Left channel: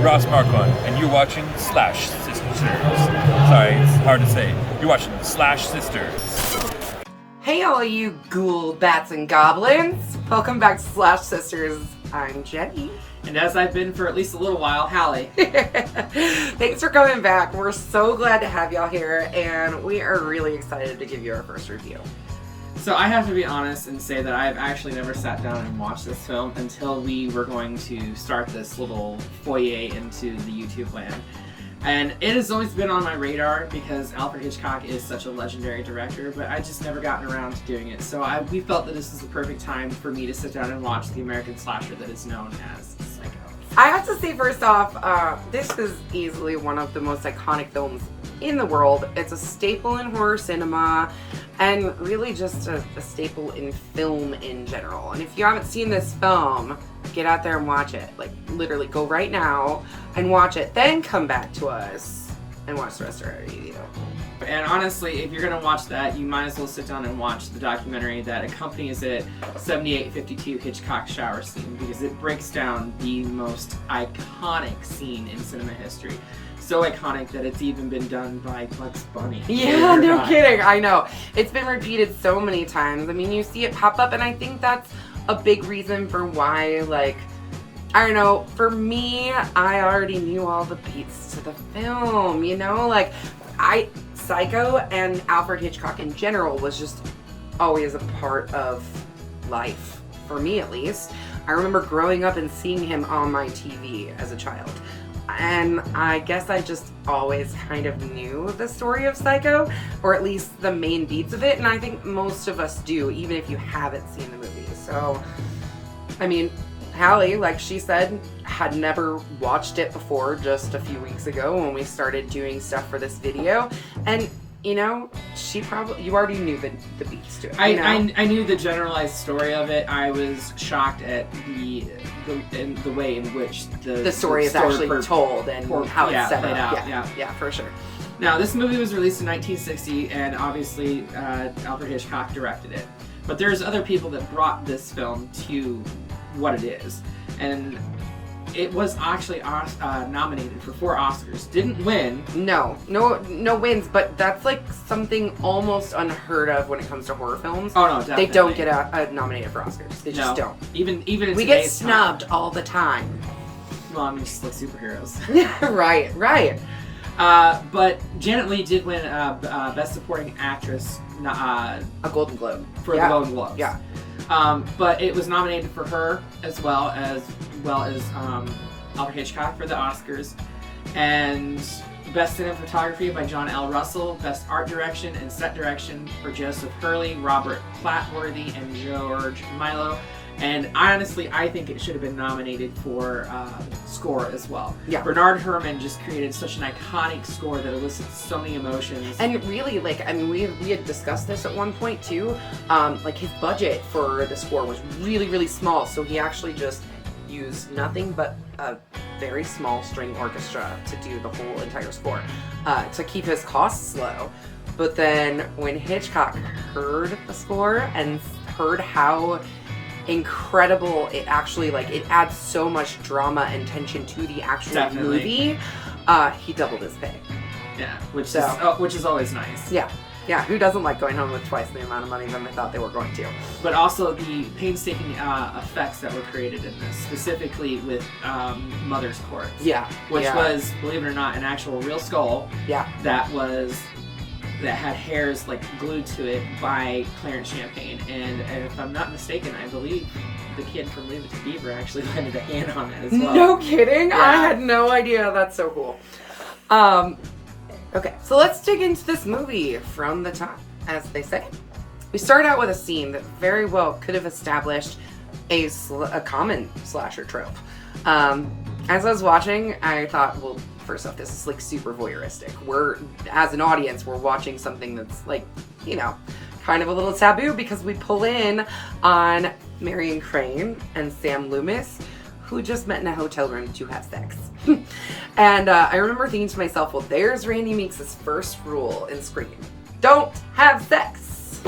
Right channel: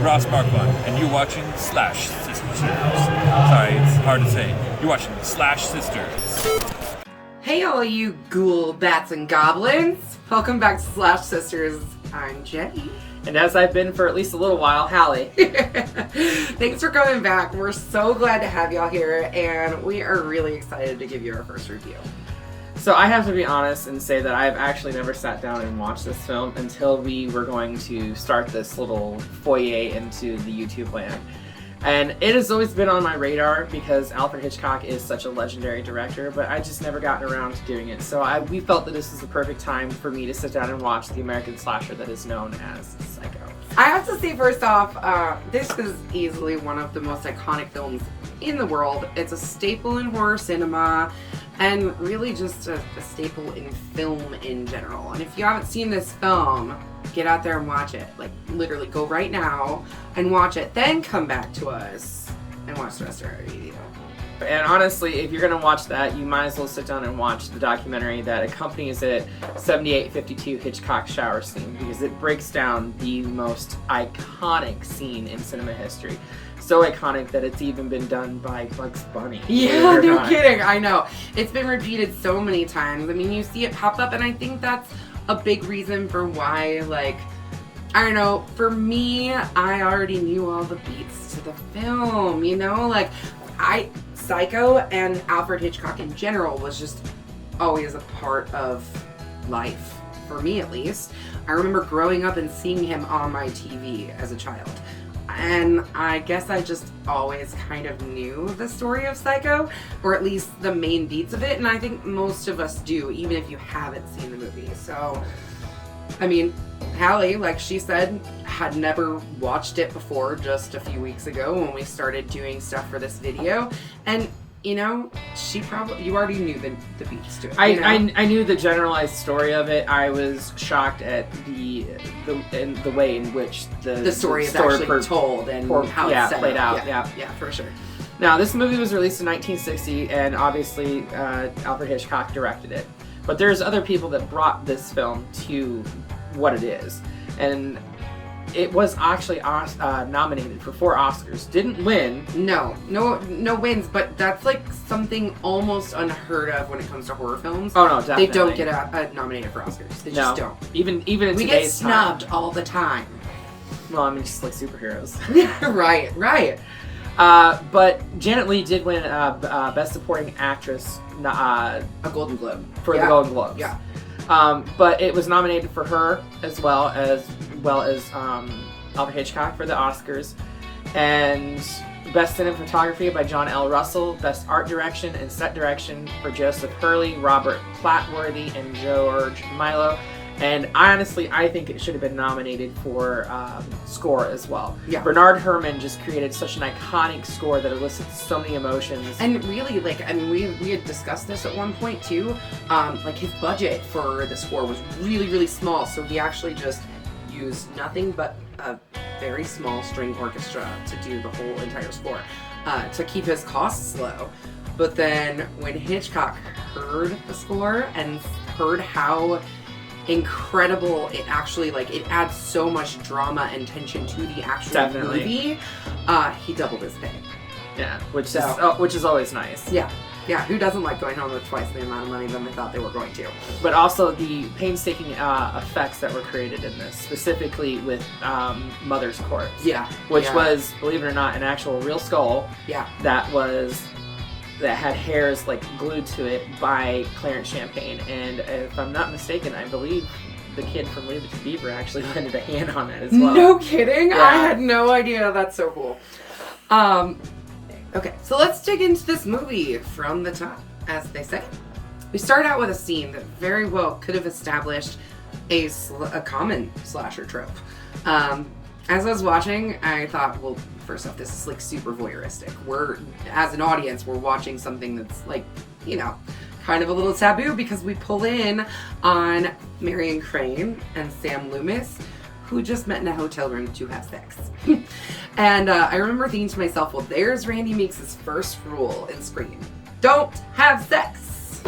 Ross Marquand, and you're watching Slash Sisters. Sorry, it's hard to say. You're watching Slash Sisters. Hey all you ghoul, bats, and goblins. Welcome back to Slash Sisters. I'm Jenny. And as I've been for at least a little while, Hallie. Thanks for coming back. We're so glad to have y'all here, and we are really excited to give you our first review. So I have to be honest and say that I have actually never sat down and watched this film until we were going to start this little foyer into the YouTube land. And it has always been on my radar because Alfred Hitchcock is such a legendary director, but I just never gotten around to doing it. So we felt that this is the perfect time for me to sit down and watch the American slasher that is known as Psycho. I have to say first off, this is easily one of the most iconic films in the world. It's a staple in horror cinema and really just a staple in film in general. And if you haven't seen this film, get out there and watch it. Like, literally, go right now and watch it. Then come back to us and watch the rest of our review. And honestly, if you're going to watch that, you might as well sit down and watch the documentary that accompanies it, 7852 Hitchcock Shower Scene, because it breaks down the most iconic scene in cinema history. So iconic that it's even been done by Bugs Bunny. Yeah, no kidding. I know. It's been repeated so many times. I mean, you see it pop up, and I think that's a big reason for why, like, I don't know, for me, I already knew all the beats to the film, you know? Like, Psycho and Alfred Hitchcock in general was just always a part of life, for me at least. I remember growing up and seeing him on my TV as a child. And I guess I just always kind of knew the story of Psycho, or at least the main beats of it, and I think most of us do, even if you haven't seen the movie. So, I mean, Hallie, like she said, had never watched it before just a few weeks ago when we started doing stuff for this video, and you know, you already knew the beats to it. I knew the generalized story of it. I was shocked at the way in which the story is actually told and how it's set played up. out. Yeah, for sure. Now, this movie was released in 1960, and obviously Alfred Hitchcock directed it. But there's other people that brought this film to what it is, and it was actually nominated for 4 Oscars. Didn't win. No wins, but that's like something almost unheard of when it comes to horror films. Oh no, definitely. They don't get nominated for Oscars. They just don't. Even in we get snubbed all the time. Well, I mean, just like superheroes. Right. But Janet Leigh did win Best Supporting Actress, a Golden Globe for the Golden Globes. Yeah. But it was nominated for her as well as Alfred Hitchcock for the Oscars, and Best Cinematography by John L. Russell, Best Art Direction and Set Direction for Joseph Hurley, Robert Platworthy, and George Milo. And I think it should have been nominated for score as well. Yeah. Bernard Herrmann just created such an iconic score that elicits so many emotions. And really, we had discussed this at one point too. His budget for the score was really, really small, so he actually just used nothing but a very small string orchestra to do the whole entire score to keep his costs low. But then when Hitchcock heard the score and heard how incredible it actually, it adds so much drama and tension to the actual movie, he doubled his pay. Yeah, which is always nice. Yeah, who doesn't like going home with twice the amount of money than they thought they were going to? But also the painstaking effects that were created in this, specifically with Mother's Corpse. Yeah. Which was, believe it or not, an actual real skull. Yeah. That had hairs glued to it by Clarence Champagne. And if I'm not mistaken, I believe the kid from Leave It to Beaver actually lended a hand on that as well. No kidding? Yeah. I had no idea. That's so cool. Okay, so let's dig into this movie from the top, as they say. We start out with a scene that very well could have established a common slasher trope. As I was watching, I thought, well, first off, this is super voyeuristic. As an audience, we're watching something that's kind of a little taboo because we pull in on Marion Crane and Sam Loomis, who just met in a hotel room to have sex. And I remember thinking to myself, well, there's Randy Meeks' first rule in Scream. Don't have sex.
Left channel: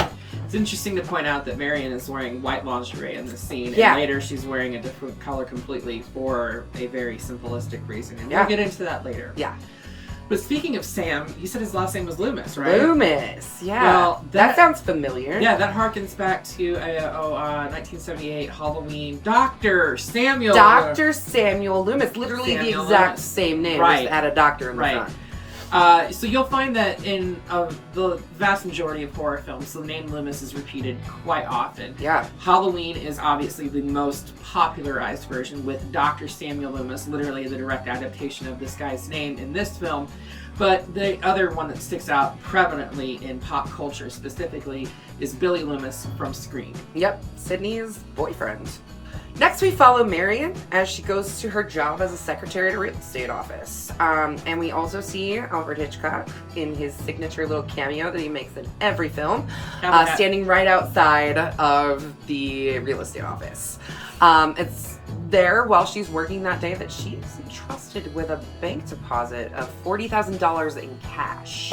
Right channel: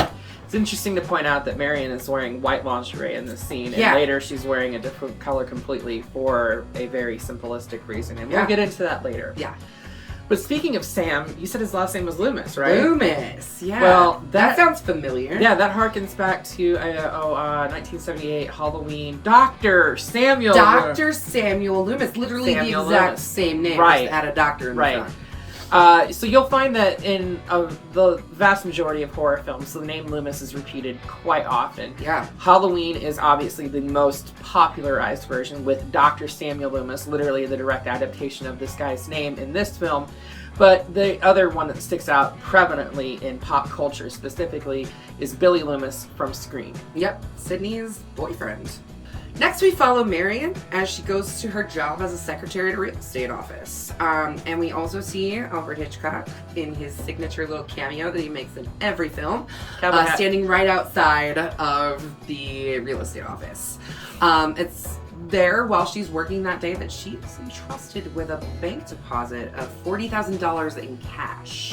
It's interesting to point out that Marion is wearing white lingerie in this scene, Yeah. and later she's wearing a different color completely for a very simplistic reason, and Yeah. we'll get into that later. Yeah. But speaking of Sam, you said his last name was Loomis, right? Loomis, yeah. Well, that sounds familiar. Yeah, that harkens back to 1978 Halloween. Dr. Samuel. Dr. Samuel Loomis, literally Samuel the exact Loomis. same name, Right. just add a doctor in the Right. front. So you'll find that in the vast majority of horror films, the name Loomis is repeated quite often. Yeah. Halloween is obviously the most popularized version, with Dr. Samuel Loomis, literally the direct adaptation of this guy's name in this film. But the other one that sticks out prevalently in pop culture specifically is Billy Loomis from Scream. Yep, Sydney's boyfriend. Next, we follow Marion as she goes to her job as a secretary at a real estate office. And we also see Alfred Hitchcock in his signature little cameo that he makes in every film, standing right outside of the real estate office. It's there while she's working that day that she is entrusted with a bank deposit of $40,000 in cash.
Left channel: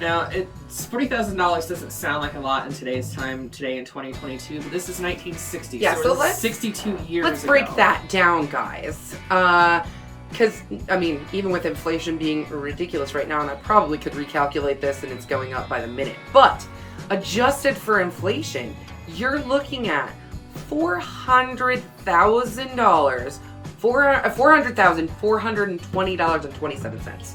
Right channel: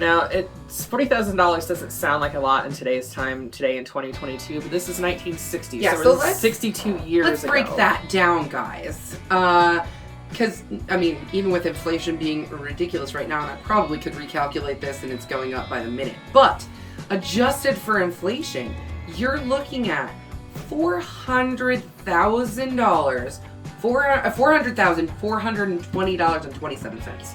Now, $40,000 doesn't sound like a lot in today's time, today in 2022, but this is 1960, Yeah, so so we're let's- 62 years Let's break ago. that down, guys. Because, I mean, even with inflation being ridiculous right now, and I probably could recalculate this and it's going up by the minute, but adjusted for inflation, you're looking at $400,000, $420.27.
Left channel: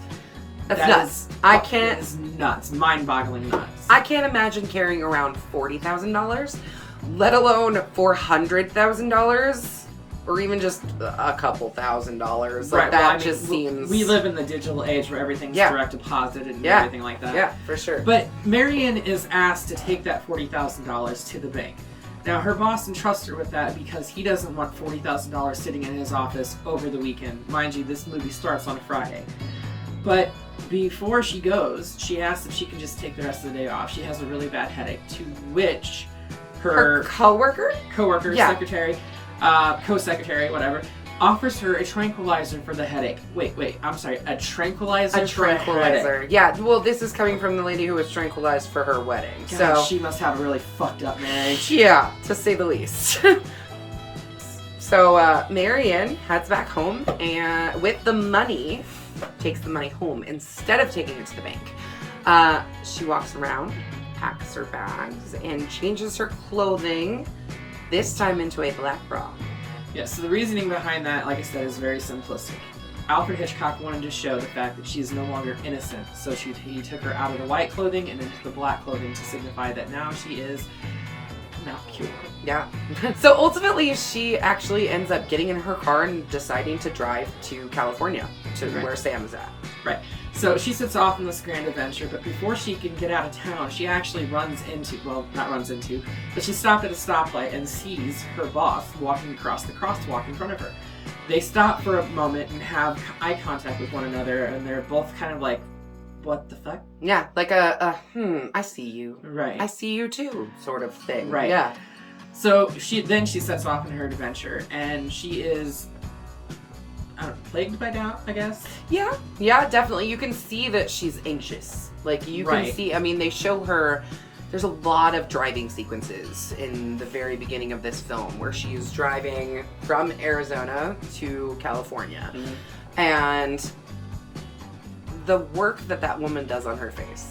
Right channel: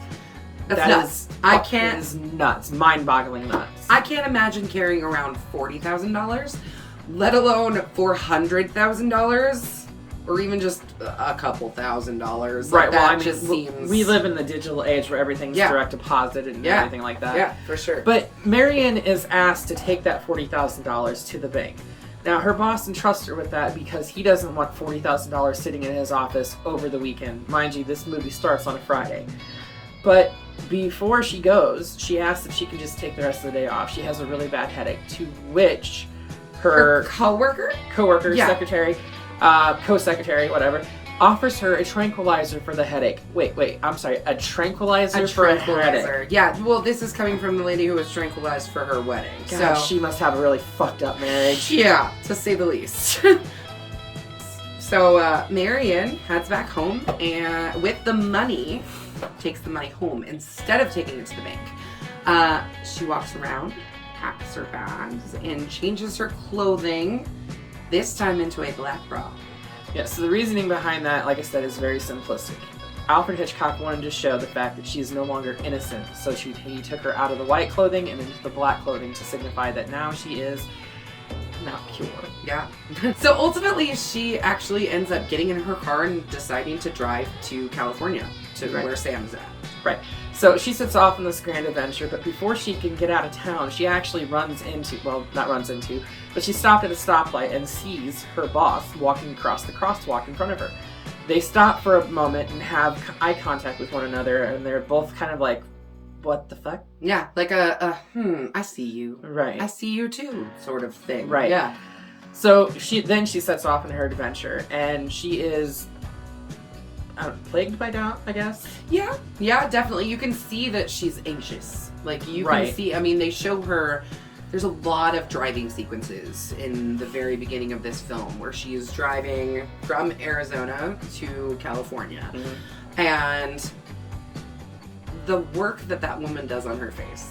That's That nuts. is- I that can't. is nuts. Mind-boggling nuts. I can't imagine carrying around $40,000, let alone $400,000, or even just a couple $1,000s. Like, well, that I mean, just seems. We live in the digital age where everything's Yeah. direct deposit and Yeah. everything like that. Yeah, for sure. But Marion is asked to take that $40,000 to the bank. Now, her boss entrusts her with that because he doesn't want $40,000 sitting in his office over the weekend. Mind you, this movie starts on a Friday. But before she goes, she asks if she can just take the rest of the day off. She has a really bad headache, to which her coworker? coworker, Yeah. secretary, co-secretary, whatever, offers her a tranquilizer for the headache. Wait, I'm sorry, a tranquilizer A for a headache. tranquilizer. Yeah, well, this is coming from the lady who was tranquilized for her wedding. God, So, she must have a really fucked up marriage. yeah, to say the least. So, Marion heads back home and with the money, takes the money home instead of taking it to the bank. She walks around, packs her bags, and changes her clothing, this time into a black bra. Yeah, so the reasoning behind that, like I said, is very simplistic. Alfred Hitchcock wanted to show the fact that she is no longer innocent, so he took her out of the white clothing and into the black clothing to signify that now she is not pure. Yeah. So ultimately, she actually ends up getting in her car and deciding to drive to California, to Right. where Sam's at. Right. So she sets off on this grand adventure, but before she can get out of town, she actually not runs into, but she stopped at a stoplight and sees her boss walking across the crosswalk in front of her. They stop for a moment and have eye contact with one another, and they're both kind of like, what the fuck? Yeah, like I see you. Right. I see you too, sort of thing. Right. Yeah. So she sets off on her adventure, and she is plagued by doubt, I guess. Yeah, definitely. You can see that she's anxious. Like, you can Right. see, I mean, they show her, there's a lot of driving sequences in the very beginning of this film where she is driving from Arizona to California. Mm-hmm. And the work that woman does on her face.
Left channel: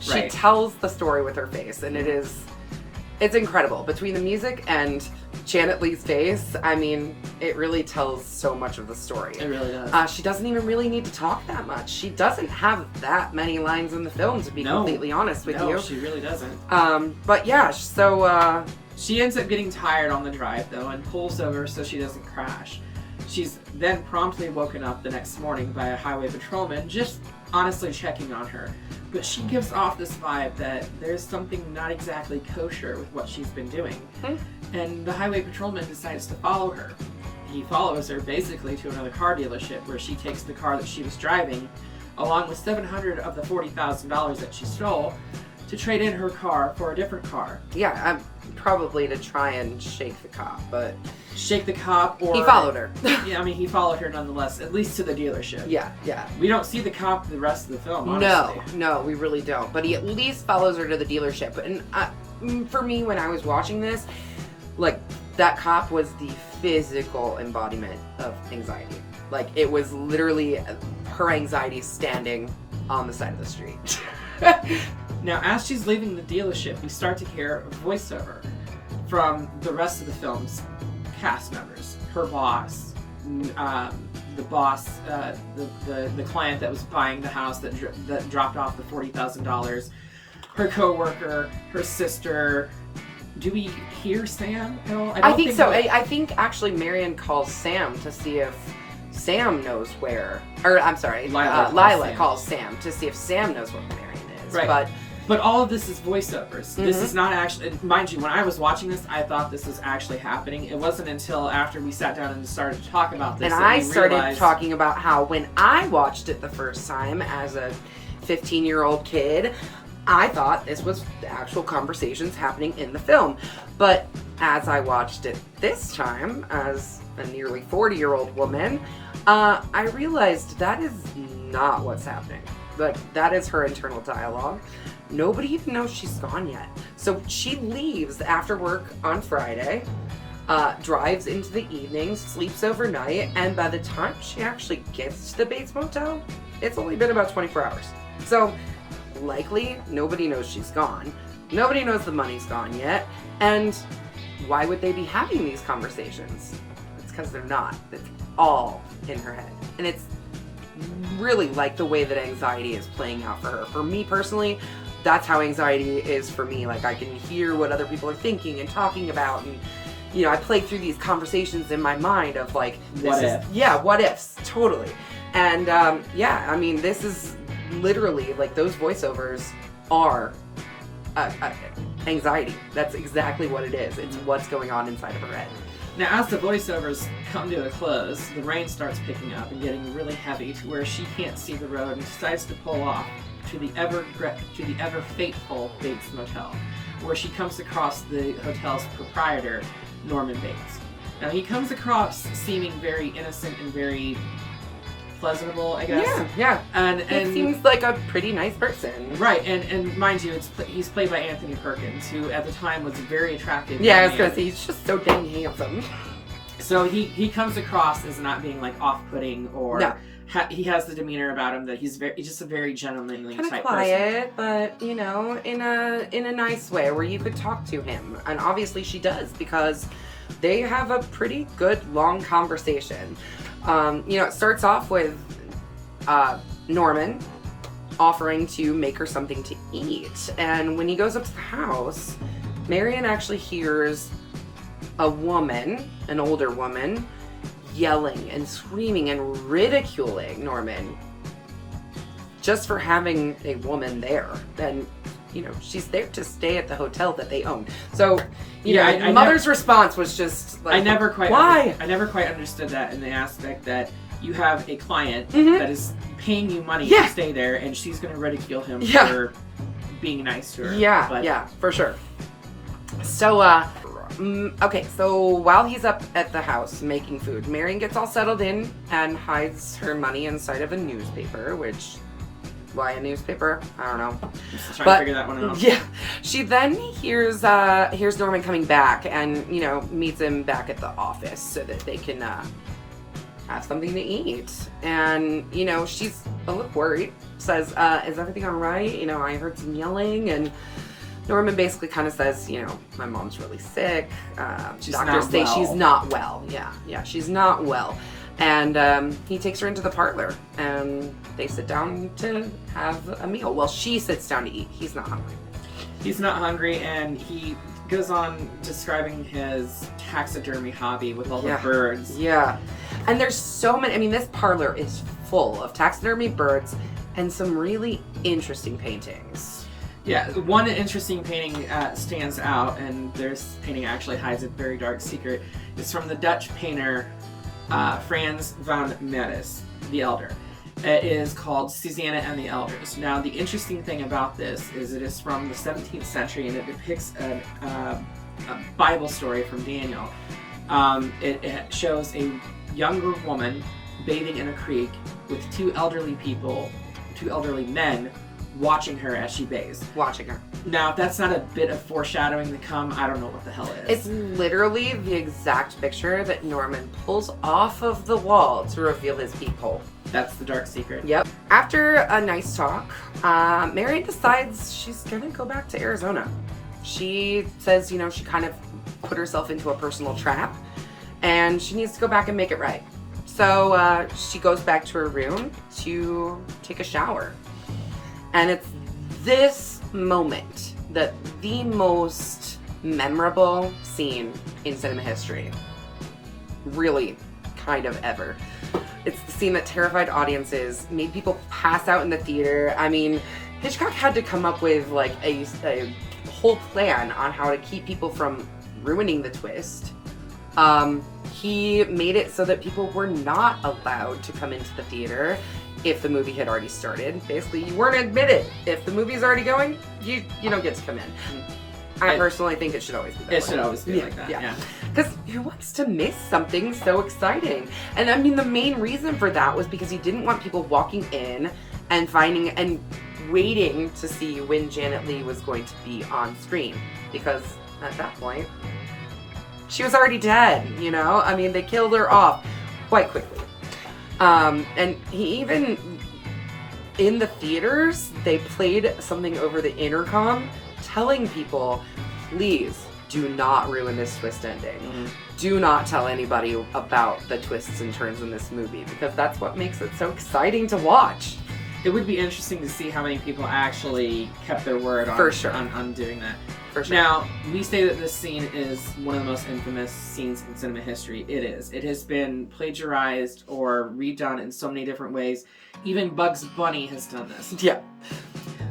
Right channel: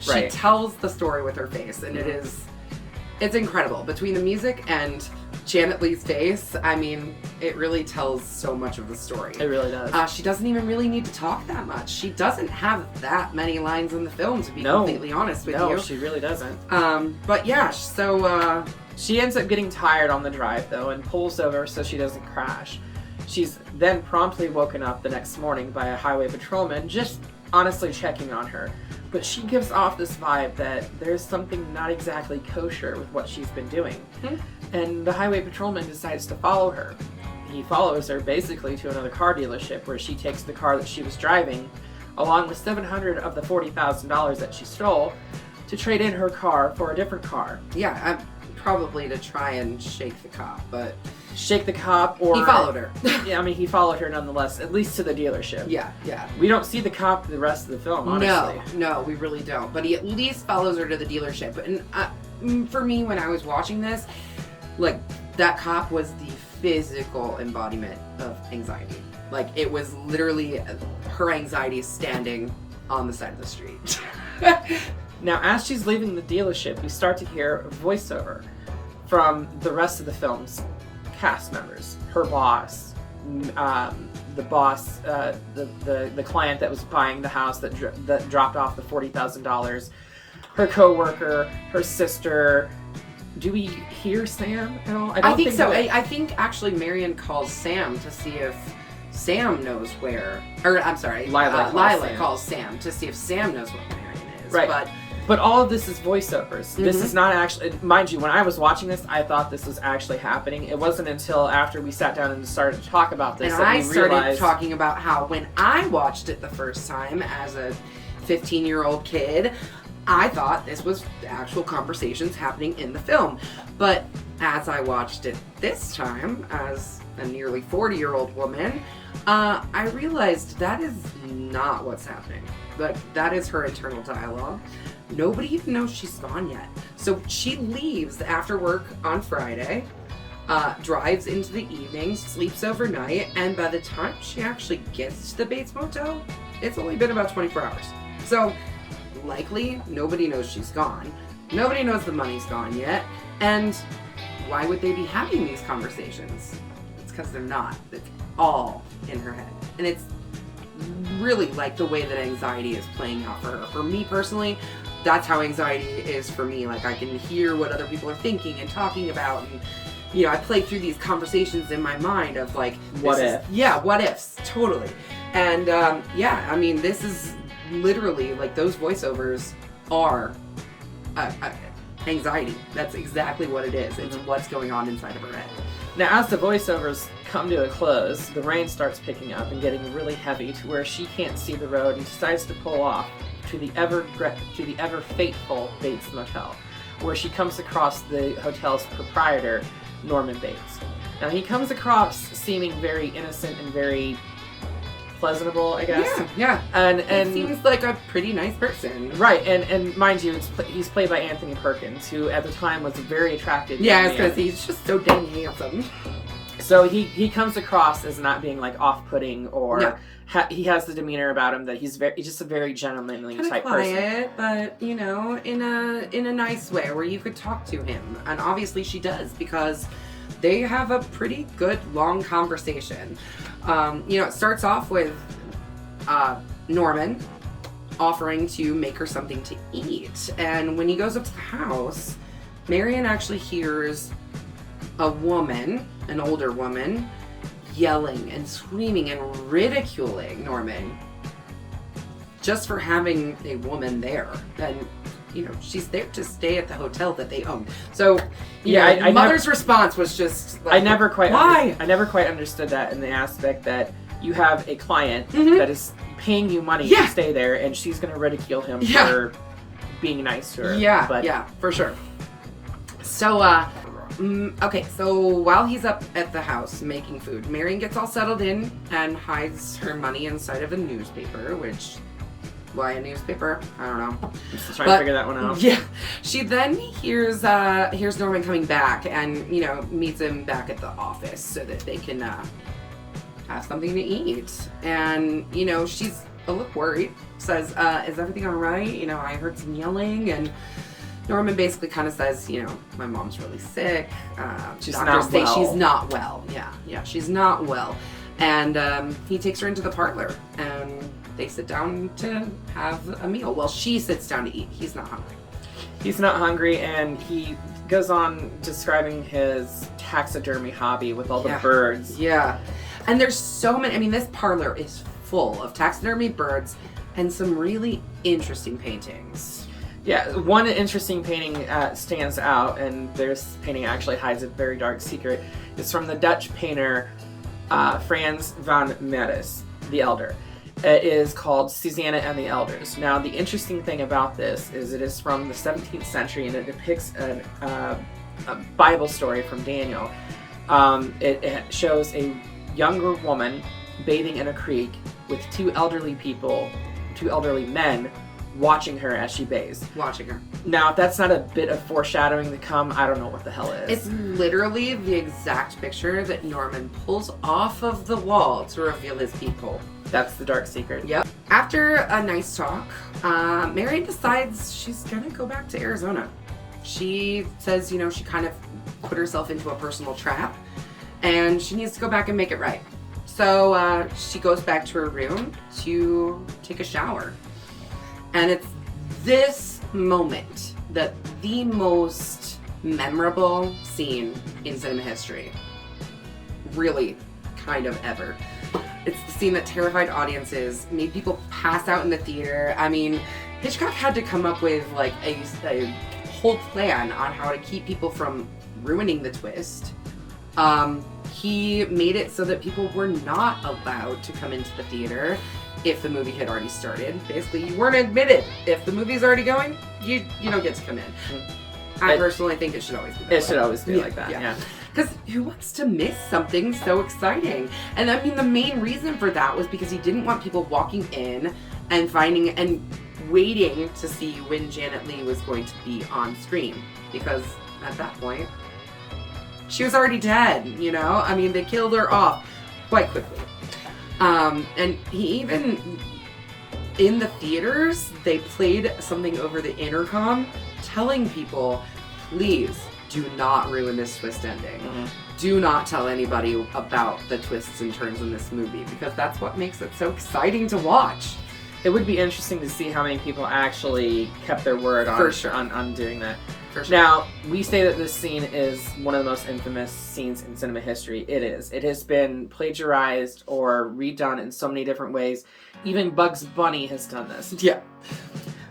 She Right. tells the story with her face, and it's incredible. Between the music and Janet Leigh's face, I mean, it really tells so much of the story. It really does. She doesn't even really need to talk that much. She doesn't have that many lines in the film, to be completely honest with you. No, she really doesn't. But yeah, so, She ends up getting tired on the drive, though, and pulls over so she doesn't crash. She's then promptly woken up the next morning by a highway patrolman just honestly checking on her. But she gives off this vibe that there's something not exactly kosher with what she's been doing. And the highway patrolman decides to follow her. And he follows her basically to another car dealership where she takes the car that she was driving, along with $700 of the $40,000 that she stole, to trade in her car for a different car. yeah, probably to try and shake the cop, but Shake the cop, or... he followed her. Yeah, I mean, he followed her nonetheless, at least to the dealership. Yeah. We don't see the cop the rest of the film, honestly. No, we really don't. But he at least follows her to the dealership. And for me, when I was watching this, like, that cop was the physical embodiment of anxiety. Like, it was literally her anxiety standing on the side of the street. Now, as she's leaving the dealership, we start to hear a voiceover from the rest of the film's cast members. Her boss, the boss, the client that was buying the house that dropped off the $40,000, her co-worker, her sister. Do we hear Sam at all? I think so. I think actually Marion calls Sam to see if Sam knows where, or I'm sorry, Lila calls Sam to see if Sam knows what Marion is. Right. But all of this is voiceovers. This is not actually, mind you, when I was watching this, I thought this was actually happening. It wasn't until after we sat down and started to talk about this and I started talking about how when I watched it the first time as a 15-year-old kid, I thought this was actual conversations happening in the film. But as I watched it this time as a nearly 40-year-old woman, I realized that is not what's happening. Like, that is her internal dialogue. Nobody even knows she's gone yet. So she leaves after work on Friday, drives into the evening, sleeps overnight, and by the time she actually gets to the Bates Motel, it's only been about 24 hours. So likely nobody knows she's gone. Nobody knows the money's gone yet. And why would they be having these conversations? It's because they're not. It's all in her head. And it's really like the way that anxiety is playing out for her. For me personally, that's how anxiety is for me. Like, I can hear what other people are thinking and talking about, and you know, I play through these conversations in my mind of like, what ifs, totally. And yeah, I mean, this is literally like those voiceovers are anxiety. That's exactly what it is. It's what's going on inside of her head. Now, as the voiceovers come to a close, the rain starts picking up and getting really heavy to where she can't see the road and decides to pull off to the ever fateful Bates Motel, where she comes across the hotel's proprietor, Norman Bates. Now, he comes across seeming very innocent and very pleasantable, I guess. Yeah. And he seems like a pretty nice person. Right, and mind you, he's played by Anthony Perkins, who at the time was very attractive. Yeah, I was gonna say, he's just so dang handsome. So he comes across as not being like off-putting or he has the demeanor about him that he's just a very gentlemanly type quiet, person. But you know, in a nice way where you could talk to him, and obviously she does because they have a pretty good long conversation. You know, it starts off with Norman offering to make her something to eat, and when he goes up to the house, Marion actually hears a woman, an older woman, yelling and screaming and ridiculing Norman just for having a woman there. And you know, she's there to stay at the hotel that they own. So, you know, Mother's response was just like, I never quite understood that in the aspect that you have a client that is paying you money to stay there, and she's going to ridicule him for being nice to her. Yeah, for sure. So, okay, so while he's up at the house making food, Marion gets all settled in and hides her money inside of a newspaper, which... Why a newspaper? I don't know. I'm just trying to figure that one out. Yeah. She then hears Norman coming back and, you know, meets him back at the office so that they can have something to eat. And, you know, she's a little worried. Says, is everything all right? You know, I heard some yelling. And Norman basically kind of says, you know, my mom's really sick. Doctors say she's not well. Yeah, she's not well. And he takes her into the parlor, and they sit down to have a meal. Well, she sits down to eat. He's not hungry. He's not hungry, and he goes on describing his taxidermy hobby with all the birds. Yeah. And there's so many. I mean, this parlor is full of taxidermy birds and some really interesting paintings. Yeah, one interesting painting stands out, and this painting actually hides a very dark secret. It's from the Dutch painter Frans van Meres, the Elder. It is called Susanna and the Elders. Now, the interesting thing about this is it is from the 17th century, and it depicts a Bible story from Daniel. It shows a younger woman bathing in a creek with two elderly men watching her as she bathes. Watching her. Now, if that's not a bit of foreshadowing to come, I don't know what the hell it is. It's literally the exact picture that Norman pulls off of the wall to reveal his peephole. That's the dark secret. Yep. After a nice talk, Mary decides she's gonna go back to Arizona. She says, you know, she kind of put herself into a personal trap and she needs to go back and make it right. So she goes back to her room to take a shower. And it's this moment that the most memorable scene in cinema history. Really, kind of ever. It's the scene that terrified audiences, made people pass out in the theater. I mean, Hitchcock had to come up with like a whole plan on how to keep people from ruining the twist. He made it so that people were not allowed to come into the theater if the movie had already started. Basically, you weren't admitted. If the movie's already going, you don't get to come in. I personally think it should always be that way. It should always be like that, yeah. Because who wants to miss something so exciting? And I mean, the main reason for that was because he didn't want people walking in and finding and waiting to see when Janet Leigh was going to be on screen. Because at that point, she was already dead, you know? I mean, they killed her off quite quickly. And he even, in the theaters, they played something over the intercom telling people, please do not ruin this twist ending. Mm-hmm. Do not tell anybody about the twists and turns in this movie, because that's what makes it so exciting to watch. It would be interesting to see how many people actually kept their word on, For sure. on doing that. For sure. Now, we say that this scene is one of the most infamous scenes in cinema history. It is. It has been plagiarized or redone in so many different ways. Even Bugs Bunny has done this. Yeah.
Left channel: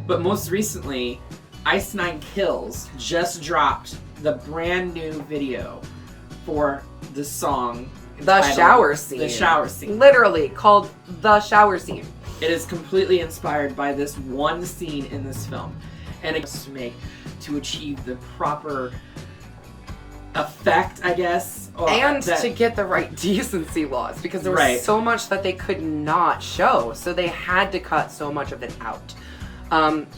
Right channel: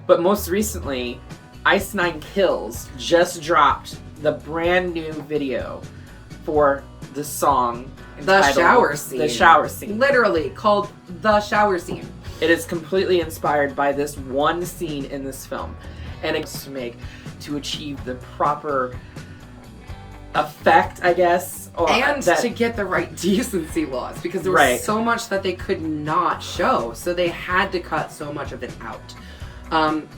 But most recently, Ice Nine Kills just dropped the brand new video for the song. The shower scene. The shower scene. Literally called The Shower Scene. It is completely inspired by this one scene in this film. And it's to achieve the proper effect, I guess. And to get the right decency laws, because there was so much that they could not show. So they had to cut so much of it out.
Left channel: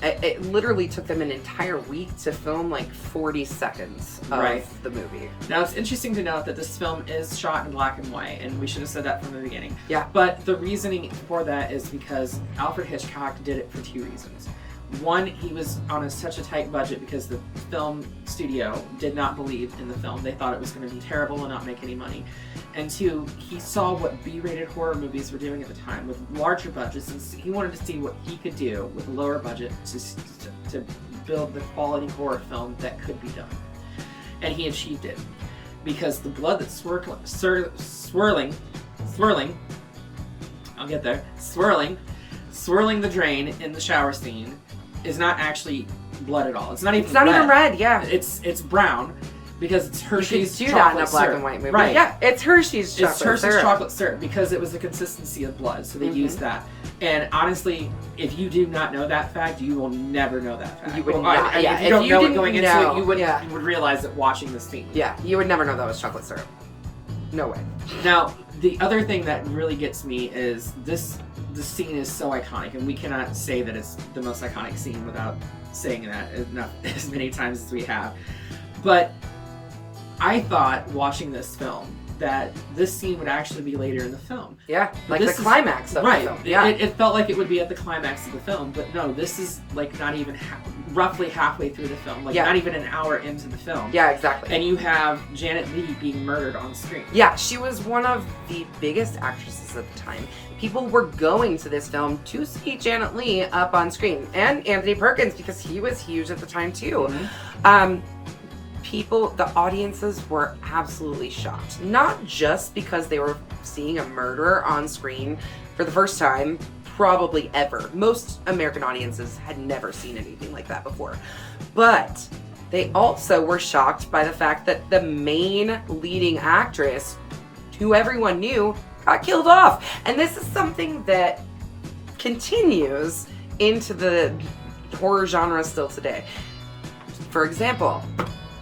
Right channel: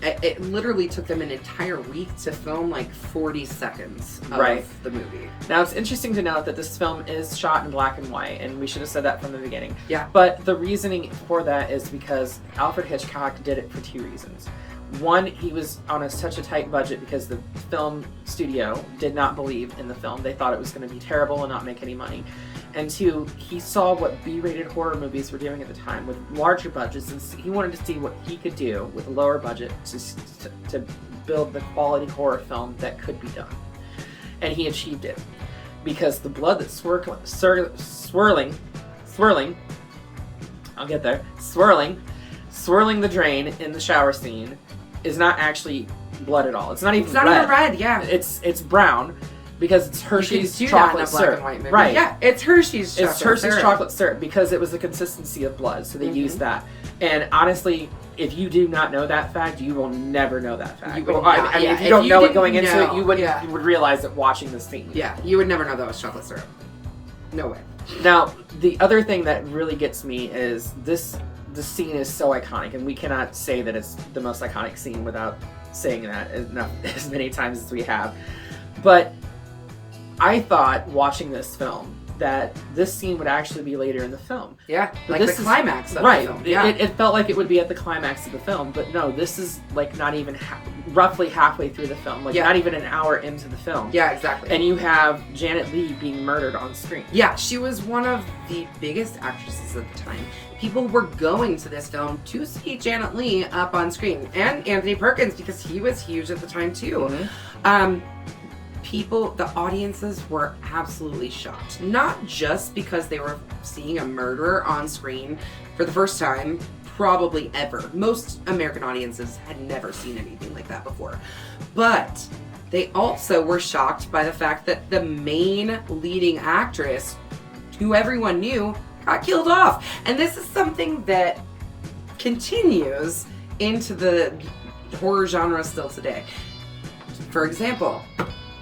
It literally took them an entire week to film like 40 seconds of the movie. Now, it's interesting to note that this film is shot in black and white, and we should have said that from the beginning. Yeah. But the reasoning for that is because Alfred Hitchcock did it for two reasons. One, he was on such a tight budget because the film studio did not believe in the film. They thought it was going to be terrible and not make any money. And two, he saw what B-rated horror movies were doing at the time with larger budgets, and he wanted to see what he could do with a lower budget to build the quality horror film that could be done. And he achieved it. Because the blood that's swirling, I'll get there, swirling the drain in the shower scene is not actually blood at all. It's not even red. Yeah. It's brown because it's Hershey's chocolate syrup. Black and white movie. Right. Yeah, it's Hershey's chocolate syrup because it was the consistency of blood, so they used that. And honestly, if you do not know that fact, you will never know that fact. You would not. If you don't know it going into it, you would realize it watching this scene. Yeah, you would never know that was chocolate syrup. No way. Now, the other thing that really gets me is the scene is so iconic, and we cannot say that it's the most iconic scene without saying that as many times as we have. But I thought, watching this film, that this scene would actually be later in the film. Yeah, but like the climax of the film. Yeah. It felt like it would be at the climax of the film, but no, this is like not even roughly halfway through the film, like not even an hour into the film. Yeah, exactly. And you have Janet Leigh being murdered on screen. Yeah, she was one of the biggest actresses at the time. People were going to this film to see Janet Leigh up on screen, and Anthony Perkins, because he was huge at the time too. Mm-hmm. The audiences were absolutely shocked. Not just because they were seeing a murderer on screen for the first time, probably ever. Most American audiences had never seen anything like that before. But they also were shocked by the fact that the main leading actress, who everyone knew, got killed off. And this is something that continues into the horror genre still today. For example,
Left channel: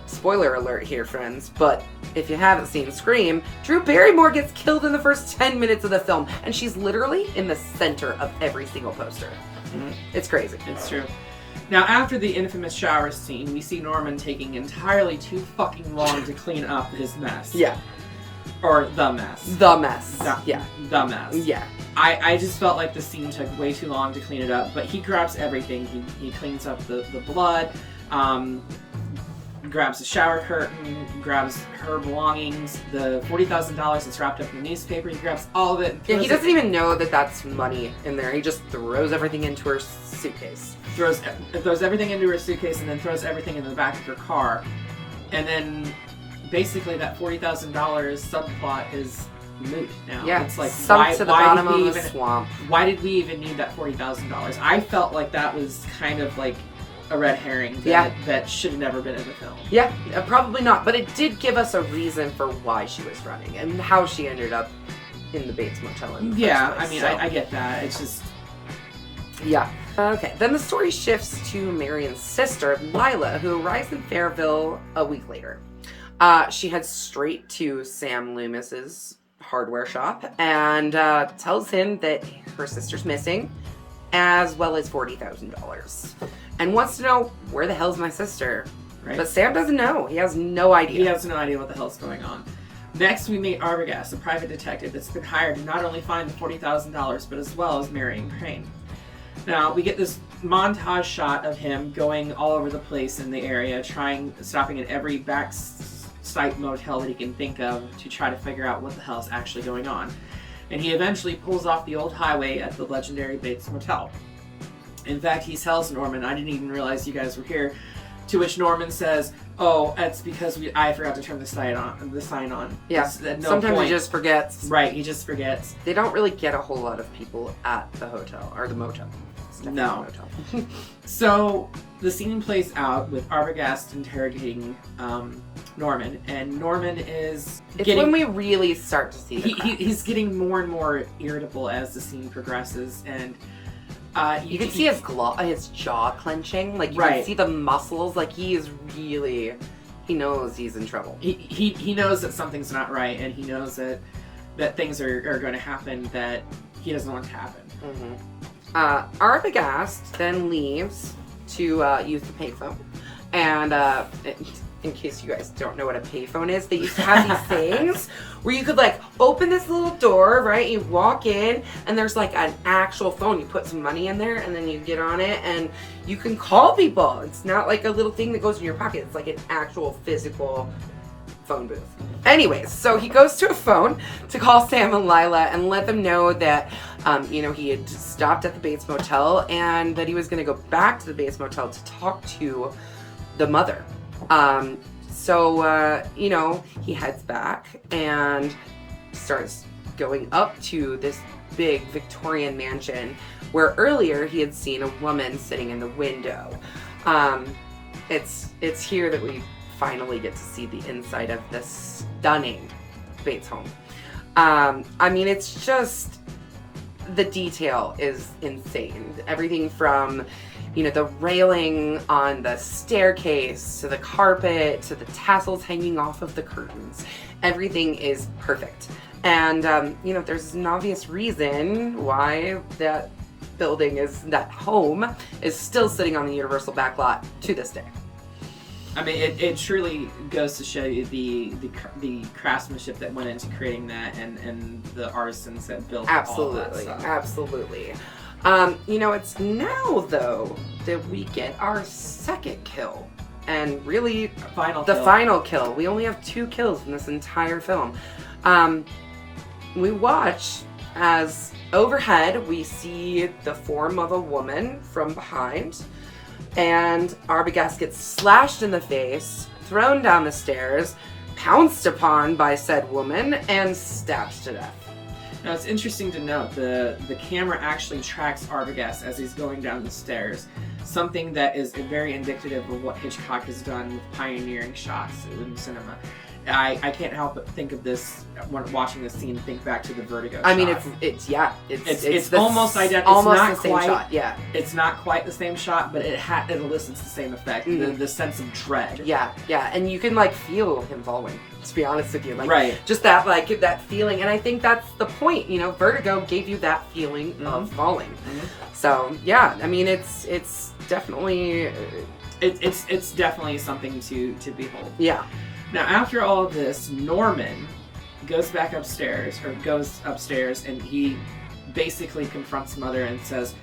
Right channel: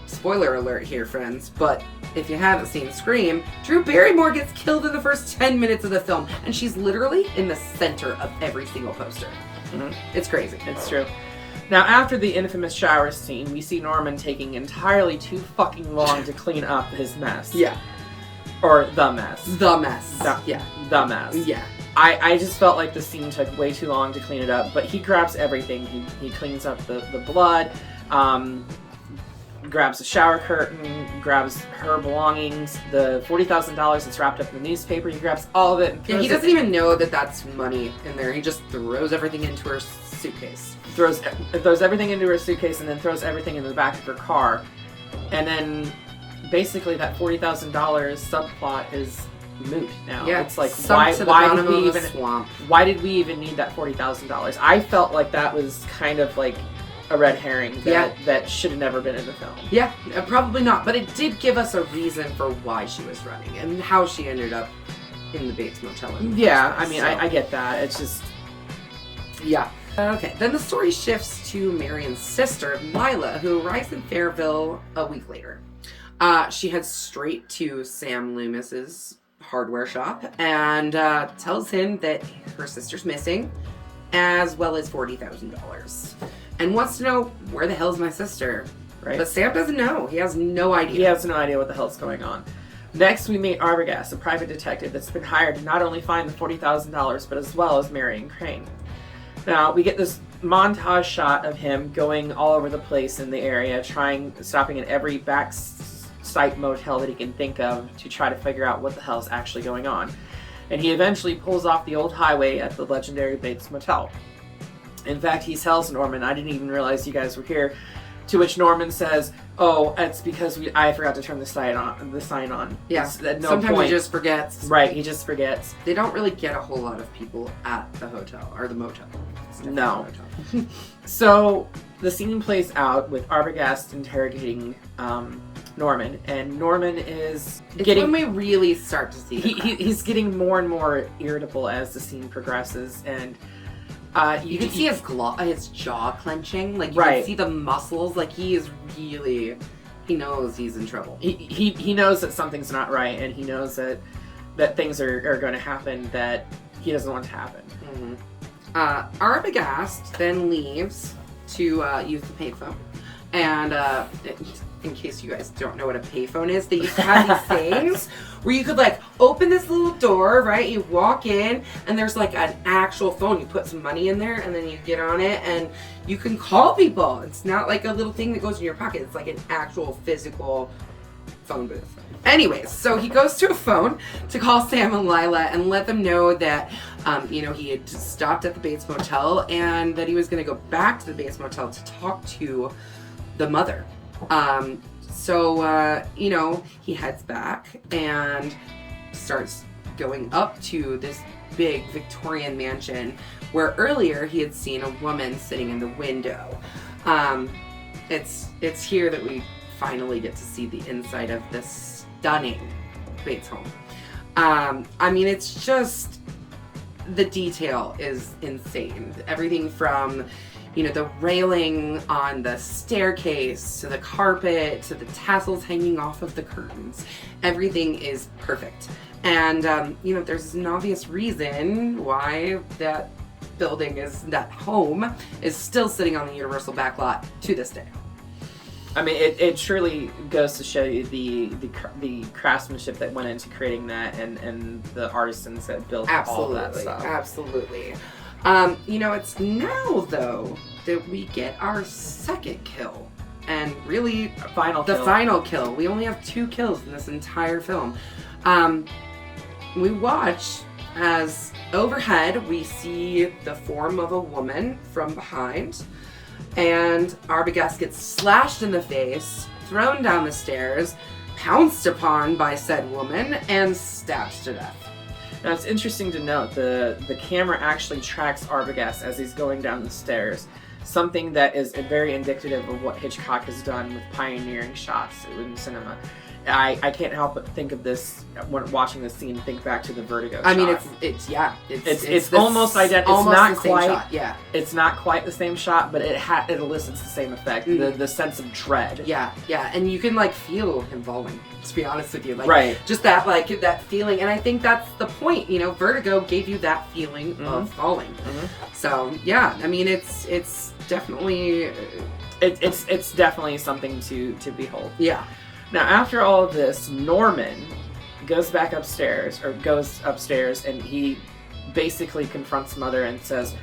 spoiler alert here, friends, but if you haven't seen Scream, Drew Barrymore gets killed in the first 10 minutes of the film, and she's literally in the center of every single poster. It's crazy. It's true. Now, after the infamous shower scene, we see Norman taking entirely too fucking long to clean up his mess. Yeah. Or the mess. The mess. Yeah. The mess. Yeah. I just felt like the scene took way too long to clean it up, but he grabs everything. He cleans up the blood, grabs the shower curtain, grabs her belongings, the $40,000 that's wrapped up in the newspaper. He grabs all of it. Yeah, he doesn't even know that that's money in there. He just throws everything into her suitcase. Throws everything into her suitcase and then throws everything in the back of her car. And then basically that $40,000 subplot is moot now. Yeah, it's like sunk to the bottom of the swamp. Why did we even need that $40,000? I felt like that was kind of like a red herring that should have never been in the film. Yeah, probably not. But it did give us a reason for why she was running and how she ended up in the Bates Motel. Yeah, I mean, I get that. It's just... Yeah. Okay, then the story shifts to Marion's sister, Lila, who arrives in Fairville a week later. She heads straight to Sam Loomis's hardware shop and tells him that her sister's missing, as well as $40,000, and wants to know, where the hell's my sister? Right. But Sam doesn't know. He has no idea. He has no idea what the hell's going on. Next, we meet Arbogast, a private detective that's been hired to not only find the $40,000, but as well as Marion Crane. Now, we get this montage shot of him going all over the place in the area, stopping at every backside motel that he can think of to try to figure out what the hell's actually going on. And he eventually pulls off the old highway at the legendary Bates Motel. In fact, he tells Norman, "I didn't even realize you guys were here," to which Norman says, "Oh, it's because I forgot to turn the sign on." Yeah, at no sometimes point. he just forgets. Right, he just forgets. They don't really get a whole lot of people at the hotel, or the motel. No. So, the scene plays out with Arbogast interrogating Norman, and Norman is when we really start to see he's getting more and more irritable as the scene progresses, and you can see his jaw clenching, like you can see the muscles, like he knows he's in trouble. He knows that something's not right, and he knows that things are going to happen that he doesn't want to happen. Mm-hmm. Arbogast then leaves to use the payphone, and in case you guys don't know what a payphone is, they used to have these things where you could like open this little door, right? You walk in and there's like an actual phone. You put some money in there and then you get on it and you can call people. It's not like a little thing that goes in your pocket. It's like an actual physical phone booth. Anyways, so he goes to a phone to call Sam and Lila and let them know that he had stopped at the Bates Motel and that he was going to go back to the Bates Motel to talk to the mother. He heads back and starts going up to this big Victorian mansion where earlier he had seen a woman sitting in the window. It's here that we finally get to see the inside of this stunning Bates home. It's just, the detail is insane. Everything from the railing on the staircase, to the carpet, to the tassels hanging off of the curtains. Everything is perfect. And, there's an obvious reason why that home is still sitting on the Universal backlot to this day. I mean, it truly goes to show you the craftsmanship that went into creating that and the artisans that built all that stuff. Absolutely. It's now, though, that we get our second kill. And really, the final kill. We only have 2 kills in this entire film. We watch as overhead we see the form of a woman from behind. And Arbogast gets slashed in the face, thrown down the stairs, pounced upon by said woman, and stabbed to death. Now, it's interesting to note the camera actually tracks Arbogast as he's going down the stairs, something that is very indicative of what Hitchcock has done with pioneering shots in cinema. I can't help but think of this when watching this scene. Think back to the Vertigo. I mean, shot. it's almost identical. Almost it's not the same quite, shot. Yeah. It's not quite the same shot, but it elicits the same effect. The sense of dread. Yeah, and you can like feel him falling. To be honest with you, like right. just that that feeling, and I think that's the point. You know, Vertigo gave you that feeling of falling. So yeah, I mean, it's definitely it's definitely something to behold. Yeah. Now, after all of this, Norman goes upstairs, and he basically confronts Mother and says,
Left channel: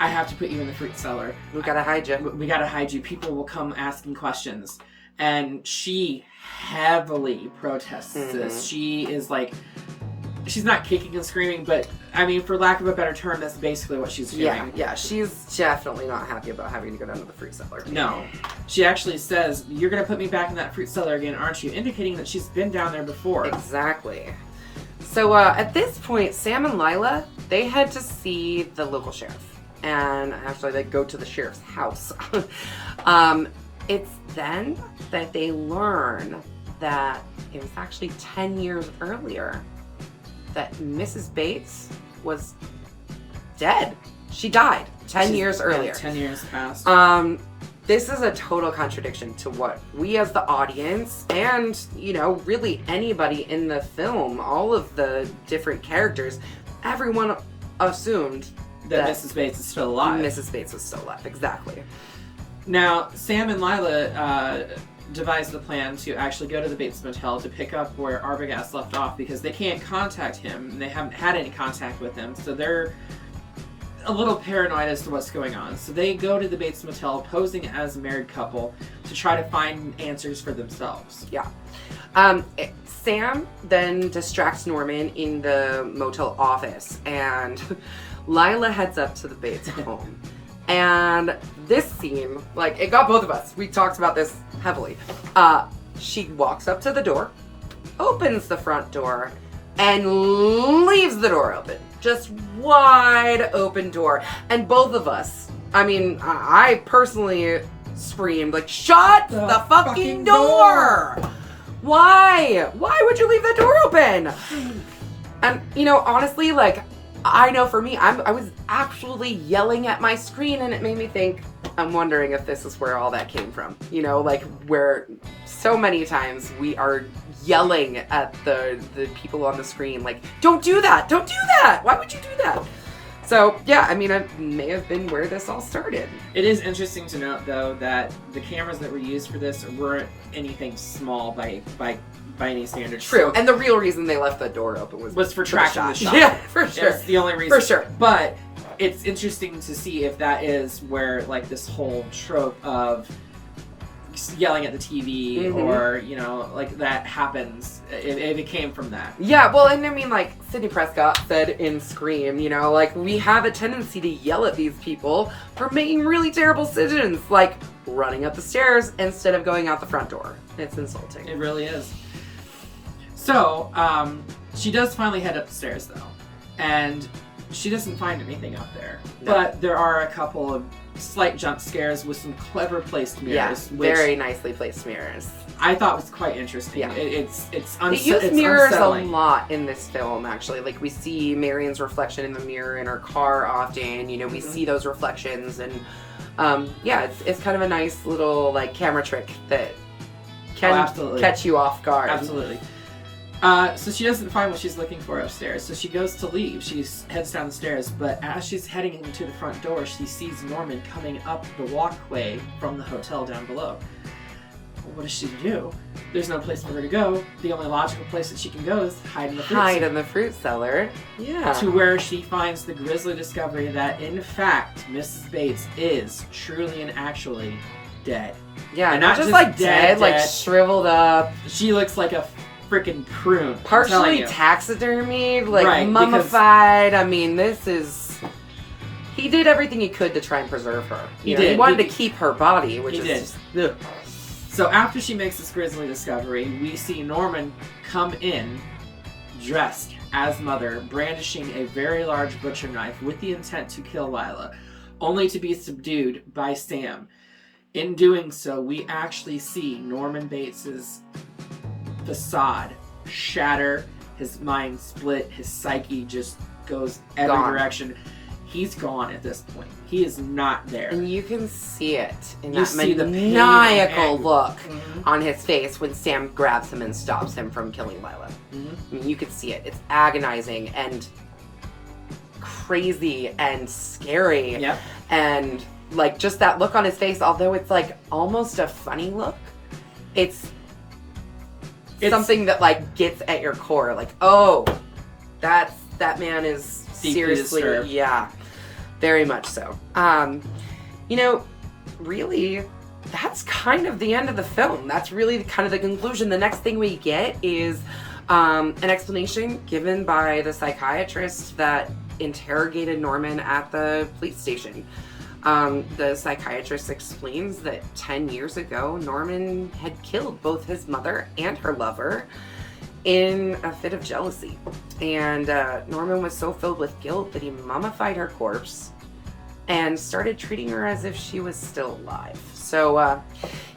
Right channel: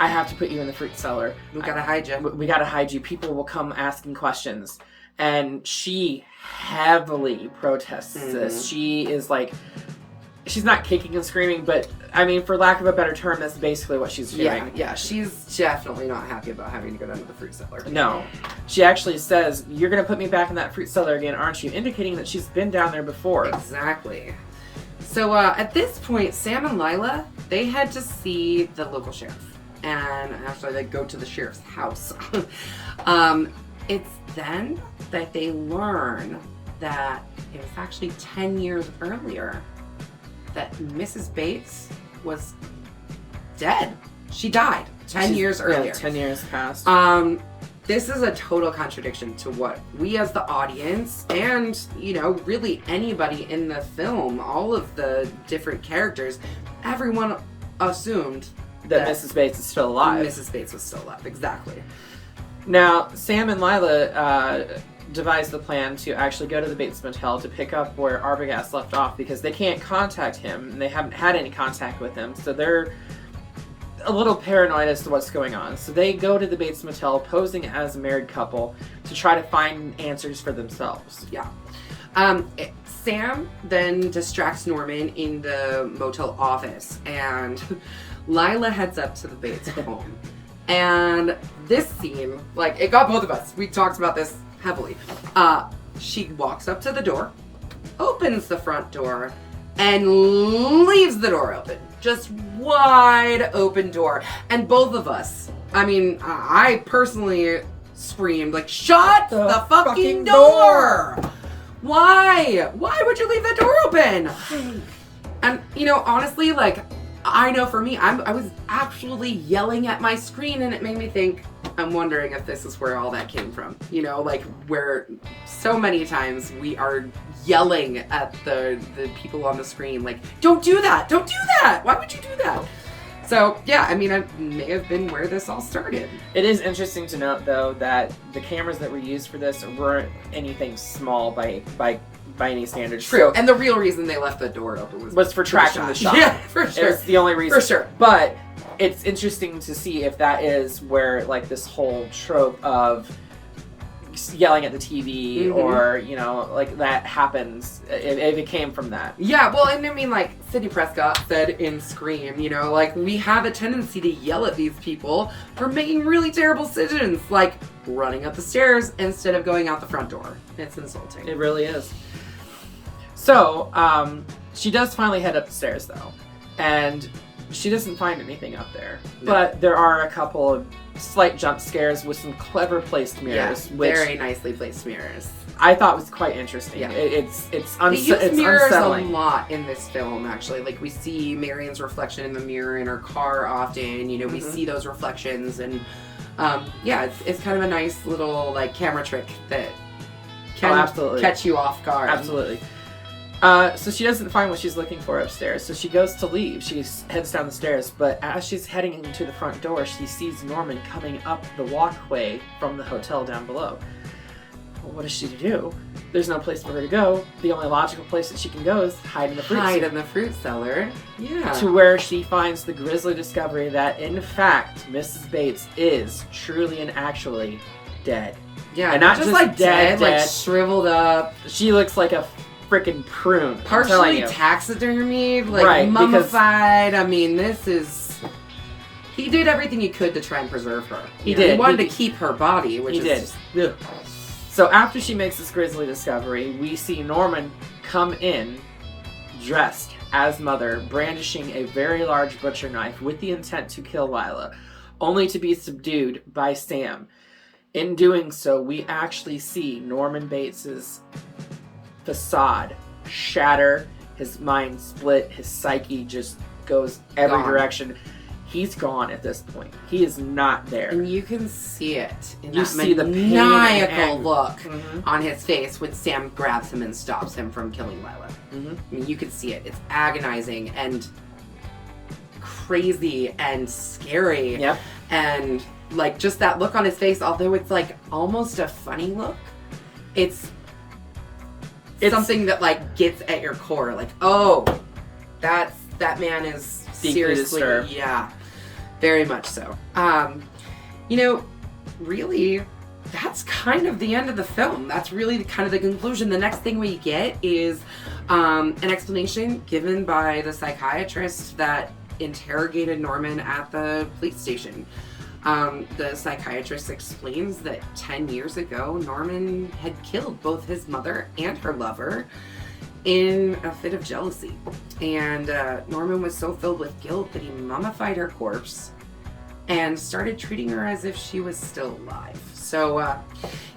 I have to put you in the fruit cellar. We gotta hide you. We gotta hide you. People will come asking questions. And she heavily protests this. She is like, she's not kicking and screaming, but I mean, for lack of a better term, that's basically what she's doing. Yeah, she's definitely not happy about having to go down to the fruit cellar. No. She actually says, you're going to put me back in that fruit cellar again, aren't you? Indicating that she's been down there before. Exactly. So at this point, Sam and Lila, they head to see the local sheriff. And actually, they go to the sheriff's house. It's then that they learn that it was actually 10 years earlier that Mrs. Bates was dead. She died 10 years earlier. 10 years passed. This is a total contradiction to what we as the audience and, you know, really anybody in the film, all of the different characters, everyone assumed that Mrs. Bates is still alive. Mrs. Bates was still alive, exactly. Now, Sam and Lila devised the plan to actually go to the Bates Motel to pick up where Arbogast left off because they can't contact him and they haven't had any contact with him, so they're a little paranoid as to what's going on. So they go to the Bates Motel posing as a married couple to try to find answers for themselves. Yeah. Sam then distracts Norman in the motel office and Lila heads up to the Bates home. And this scene, like, it got both of us. We talked about this heavily. She walks up to the door, opens the front door, and leaves the door open. Just wide open door. And both of us, I mean, I personally screamed, like, shut the fucking door! Why? Why would you leave that door open? And, you know, honestly, like, I know for me, I was actually yelling at my screen and it made me think, I'm wondering if this is where all that came from. You know, like where so many times we are yelling at the people on the screen, like, don't do that, don't do that, why would you do that? So yeah, I mean, it may have been where this all started. It is interesting to note though that the cameras that were used for this weren't anything small by any standards. True, So, and the real reason they left the door open was for tracking the shot. Yeah, for sure. It's the only reason. For sure. But it's interesting to see if that is where, like, this whole trope of yelling at the TV or, you know, like, that happens, if it came from that. Yeah, well, and I mean, like, Sidney Prescott said in Scream, you know, like, we have a tendency to yell at these people for making really terrible decisions, like running up the stairs instead of going out the front door. It's insulting. It really is. So, she does finally head upstairs, though, and she doesn't find anything up there. No. But there are a couple of slight jump scares with some clever placed mirrors. Yeah, very nicely placed mirrors. I thought was quite interesting. Yeah. They use mirrors unsettling. a lot in this film, actually. Like, we see Marion's reflection in the mirror in her car often. You know, we see those reflections, and yeah, it's kind of a nice little, like, camera trick that can catch you off guard. Absolutely. So she doesn't find what she's looking for upstairs, so she goes to leave. She heads down the stairs, but as she's heading into the front door, she sees Norman coming up the walkway from the hotel down below. Well, what does she do? There's no place for her to go. The only logical place that she can go is hide in the fruit cellar. Hide in the fruit cellar. Yeah. To where she finds the grisly discovery that, in fact, Mrs. Bates is truly and actually dead. Yeah, and not just like dead, like shriveled up. She looks like a freaking prune. Partially taxidermied, like mummified. I mean, he did everything he could to try and preserve her. He wanted to keep her body, which is just... So after she makes this grisly discovery, we see Norman come in dressed as Mother, brandishing a very large butcher knife with the intent to kill Lila, only to be subdued by Sam. In doing so, we actually see Norman Bates's facade shatter, his mind split, his psyche just goes every direction. He's gone at this point. He is not there. And you can see it in You that see the pain maniacal and- look on his face when Sam grabs him and stops him from killing Lila. Mm-hmm. I mean, you can see it. It's agonizing and crazy and scary. Yep. And like just that look on his face, although it's like almost a funny look, it's something that like gets at your core. Like, oh, that man is Deeply seriously, disturbed. yeah, very much so. You know, really, that's kind of the end of the film. That's really kind of the conclusion. The next thing we get is an explanation given by the psychiatrist that interrogated Norman at the police station. The psychiatrist explains that 10 years ago, Norman had killed both his mother and her lover in a fit of jealousy. And Norman was so filled with guilt that he mummified her corpse and started treating her as if she was still alive. So,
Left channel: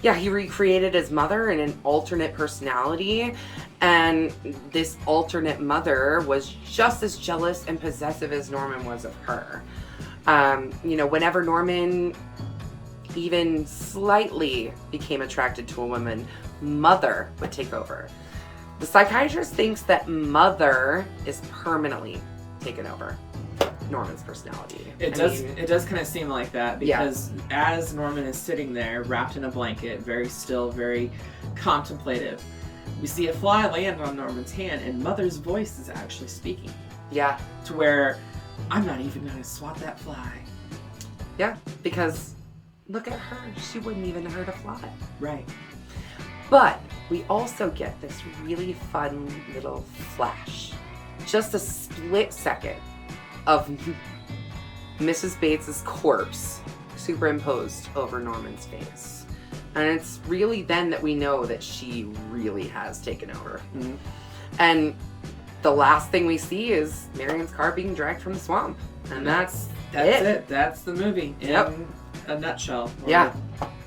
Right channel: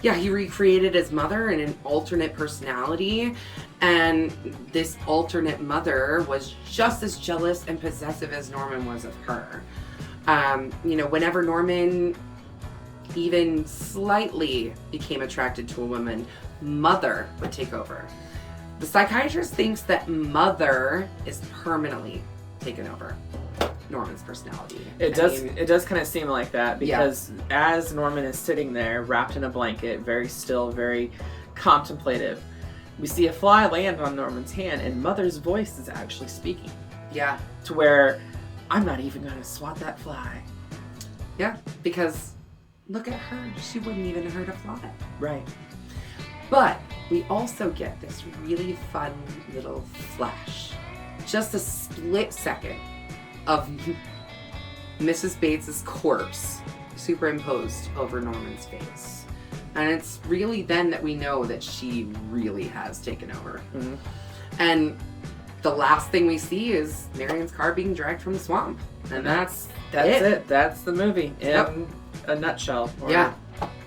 yeah, he recreated his mother in an alternate personality. And this alternate mother was just as jealous and possessive as Norman was of her. You know, whenever Norman even slightly became attracted to a woman, Mother would take over. The psychiatrist thinks that Mother is permanently taken over Norman's personality. It does kind of seem like that, because as Norman is sitting there wrapped in a blanket, very still, very contemplative, we see a fly land on Norman's hand, and Mother's voice is actually speaking. Yeah. To where I'm not even going to swat that fly. Yeah, because look at her. She wouldn't even hurt a fly. Right. But we also get this really fun little flash. Just a split second of Mrs. Bates's corpse superimposed over Norman's face. And it's really then that we know that she really has taken over. Mm-hmm. And the last thing we see is Marion's car being dragged from the swamp. And that's it. That's the movie in a nutshell. Yeah.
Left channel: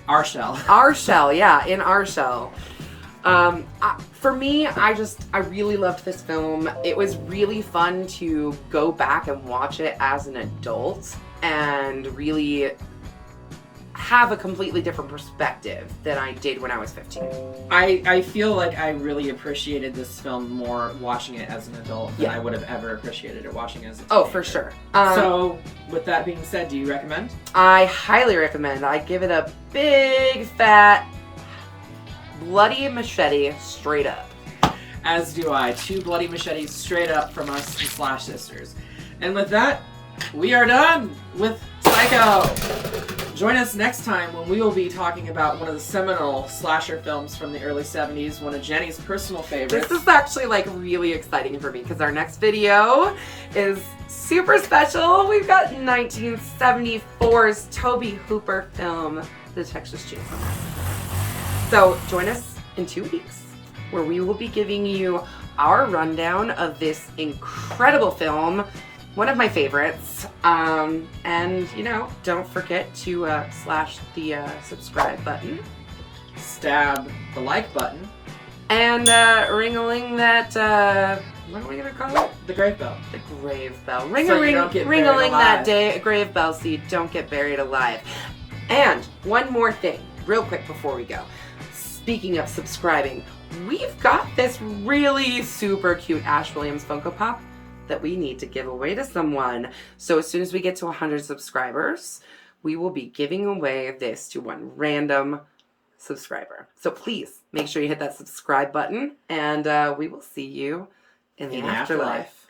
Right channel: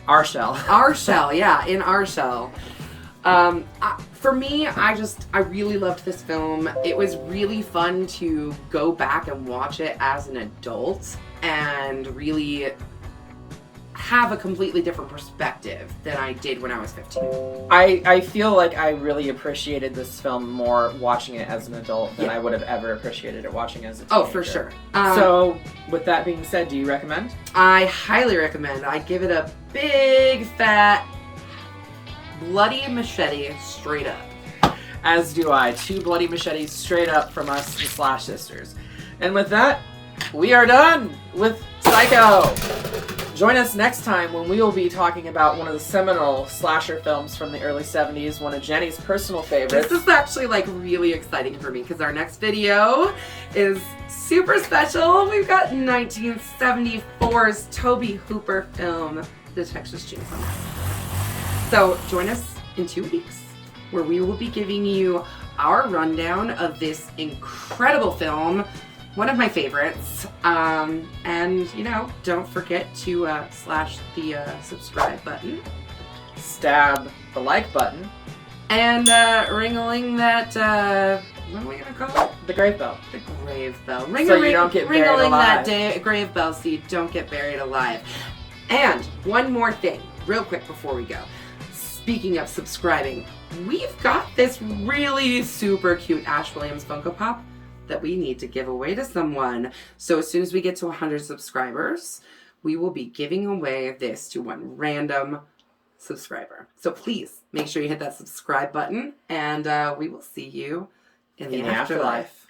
Our shell. Our shell, yeah, in our shell. For me, I really loved this film. It was really fun to go back and watch it as an adult and really have a completely different perspective than I did when I was 15. I feel like I really appreciated this film more watching it as an adult than I would have ever appreciated it watching as a teenager. Oh, for sure. So, with that being said, do you recommend? I highly recommend. I give it a big, fat, bloody machete straight up. As do I. 2 bloody machetes straight up from us, the Slash Sisters. And with that, we are done with Psycho! Join us next time when we will be talking about one of the seminal slasher films from the early 70s, one of Jenny's personal favorites. This is actually like really exciting for me because our next video is super special. We've got 1974's Tobe Hooper film, The Texas Chainsaw. So join us in 2 weeks where we will be giving you our rundown of this incredible film, one of my favorites. And, you know, don't forget to slash the subscribe button. Stab the like button. And ring-a-ling that, what are we going to call it? The grave bell. The grave bell. So you don't get buried Ring-a-ling alive. that grave bell so you don't get buried alive. And one more thing, real quick before we go. Speaking of subscribing, we've got this really super cute Ash Williams Funko Pop that we need to give away to someone. So as soon as we get to 100 subscribers, we will be giving away this to one random subscriber. So please make sure you hit that subscribe button, and we will see you in the afterlife.